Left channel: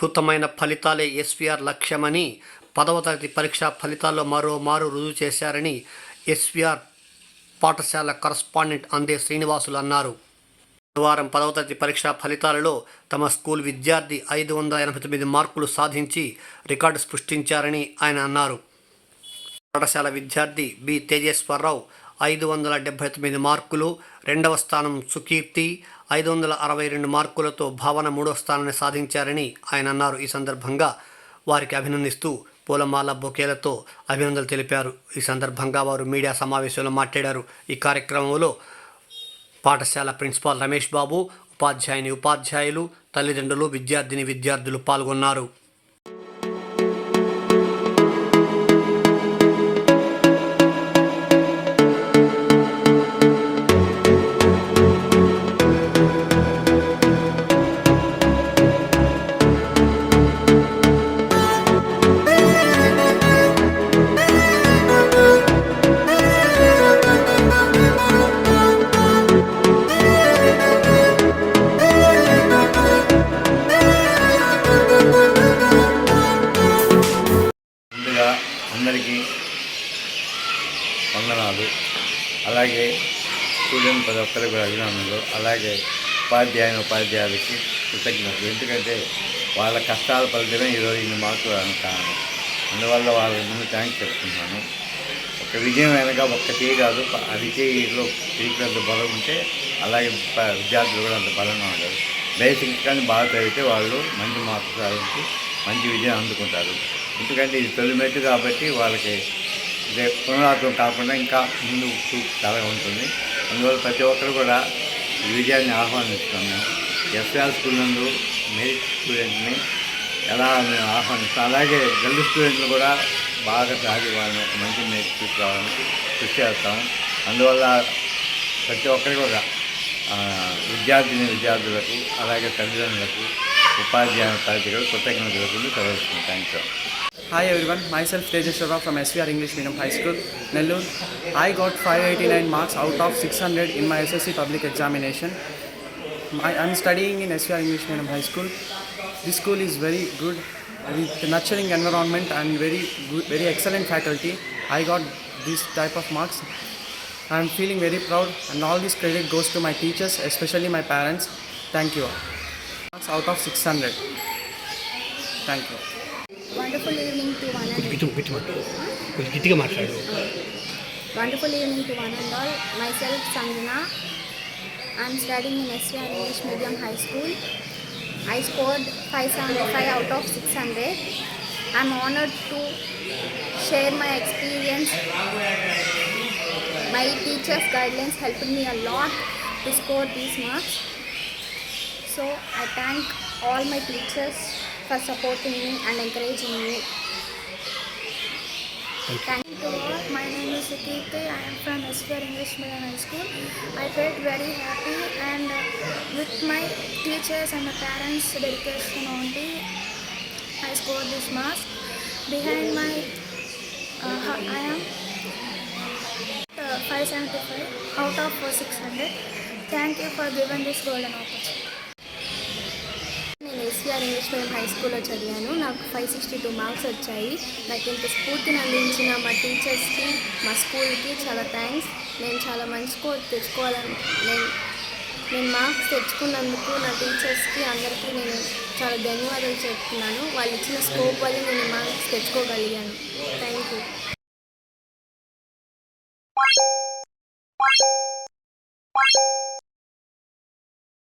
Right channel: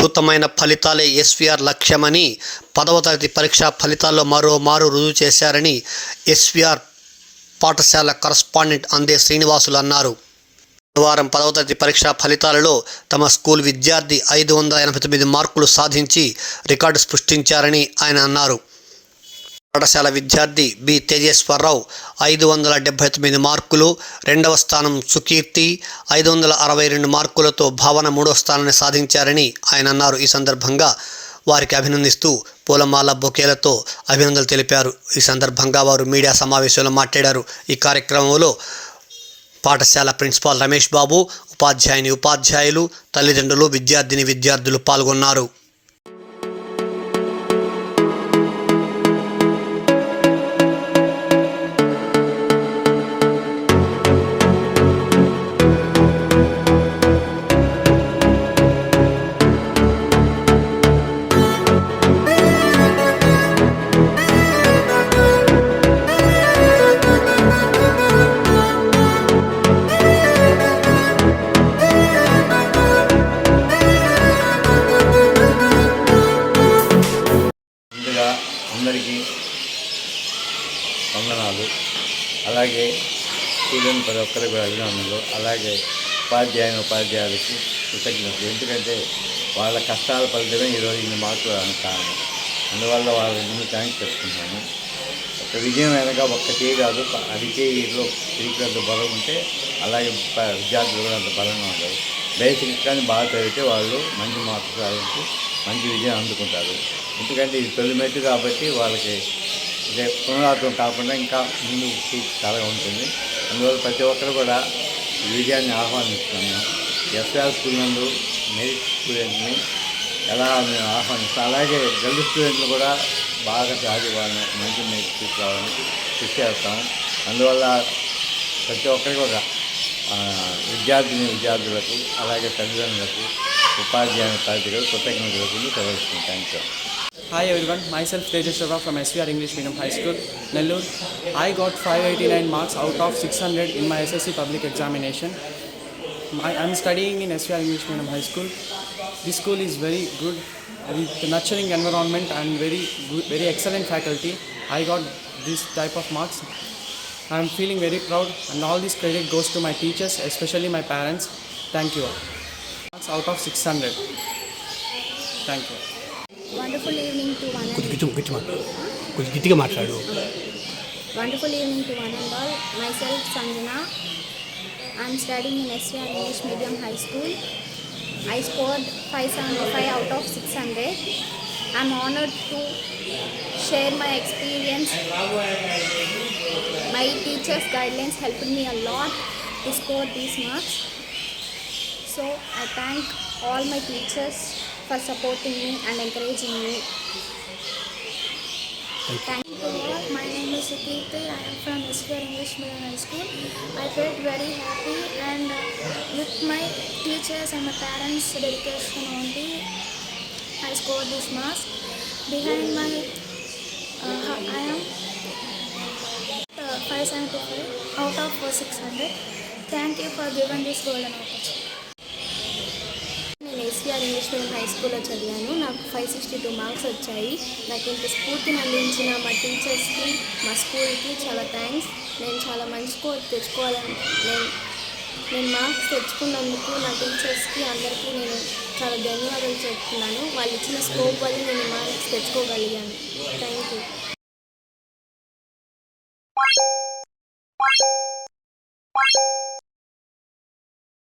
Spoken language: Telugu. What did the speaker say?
అద్భుతమైన ఫలితాలే ఎస్వీఆర్ లక్ష్యమని 10వ తరగతి పరీక్షా ఫలితాల్లో మరోమారు రుజువు చేశారని ఎస్వీఆర్ పాఠశాల కరస్పాండెంట్ అందే శ్రీనివాసులు అన్నారు. బుధవారం 10వ తరగతి పరీక్షా ఫలితాలలో తమ స్కూల్ విద్యార్థి 589 మార్కులు సాధించి రికార్డు సృష్టించారని ఆయన అన్నారు. పాఠశాల విద్యార్థి బి తేజేశ్వరరావు 579 మార్కులు, 2వ స్థానం సుకీర్తి 562 మార్కులతో భావన 3వ స్థానాన్ని సాధించారని ఆయన అన్నారు. ఈ సందర్భంగా వారికి అభినందిస్తూ పూలమాల బొకేలతో అభినందనలు తెలిపారు. ఈ సందర్భంగా వారు మీడియా సమావేశంలో మాట్లాడారు. ఈ కార్యక్రమంలో పాఠశాల ప్రిన్సిపాల్ రమేష్ బాబు, ఉపాధ్యాయులు, తల్లిదండ్రులు, విద్యార్థులు పాల్గొన్నారు. అందరికీ వందనాలు. అలాగే స్టూడెంట్ ప్రతి ఒక్కరికి అభినందనలు. అలాగే ఉపాధ్యాయులకి కృతజ్ఞతలు. ఎందుకంటే వాళ్ళ కష్టాల ఫలితమే ఈరోజు ఇన్ని మార్కులు కారణం. అందువల్ల వాళ్ళకి ముందు థ్యాంక్స్ చెప్తున్నాను. ఒక విజయం వెనక ఒక్కటే కాదు, అరిచేయిలో అంత బలం ఉంటే అలాగే విద్యార్థులు కూడా అంత బలంగా ఉంటారు. బేసిక్స్ కానీ బాగా చదివితే వాళ్ళు మంచి మార్కులు సాధించి మంచి విజయం అందుకుంటారు. ఎందుకంటే ఇది తొలిమెట్టు కాబట్టి వాళ్ళకి ఇదే పునరావృతం కాకుండా ఇంకా ముందు చాలా ఉంటుంది. అందువల్ల ప్రతి ఒక్కరు కూడా ఈ విజయాన్ని ఆహ్వానిస్తున్నాం. మేము ఎస్ఆర్ స్కూల్ నందు మెరిట్ స్టూడెంట్ని ఎలా మేము ఆహ్వానిస్తాం. అలాగే గర్ల్ స్టూడెంట్లు కూడా బాగా చదివి వాళ్ళని ఒక మంచి మెరిట్ తీసుకురావడానికి కృషి చేస్తాం. అందువల్ల ప్రతి ఒక్కరికి కూడా విద్యార్థులకు అలాగే తల్లిదండ్రులకు ఉపాధ్యాయులకు కృతజ్ఞతలు తెలుస్తున్నాం. Thank you. Hi everyone, myself Tejeshwara from SVR English Medium High School, Nellore. I got 589 marks out of 600 in my SSC public examination. I am studying in SVR English Medium High School. This school is very good with nurturing environment and very excellent faculty. I got this type of marks. I am feeling very proud, and all this credit goes to my teachers, especially my parents. Thank you all. Marks out of 600. Thank you. Wonderful evening to one and Wonderful evening to one and all. Myself Sanjana. I am studying in SVR English Medium High School. I scored 575 out of 600. I am honored to share my experience. My teachers' guidelines helped me a lot to score these marks. So I thank all my teachers for supporting me and encouraging me. Thank you all. My name is Sukirti. I am from SVR English Medium High School. I felt very happy, and with my teachers and my parents' dedication only, I scored this marks. Behind my, I am 575 out of 600. Thank you for giving this golden opportunity. నేను ఎస్వీఆర్ ఇంగ్లీష్ మీడియం హై స్కూల్లో చదివాను. నాకు 562 మార్క్స్ వచ్చాయి. నాకు ఇంత స్ఫూర్తిని అందించిన మా టీచర్స్కి, మా స్కూల్కి చాలా థ్యాంక్స్. నేను చాలా మంచి స్కోర్ తెచ్చుకోవాలని నేను మార్క్స్ తెచ్చుకున్నందుకు నా టీచర్స్కి అందరికీ నేను చాలా ధన్యవాదాలు చెప్తున్నాను. వాళ్ళు ఇచ్చిన స్కోప్ వల్ల నేను మార్క్స్ తెచ్చుకోగలిగాను. Thank you.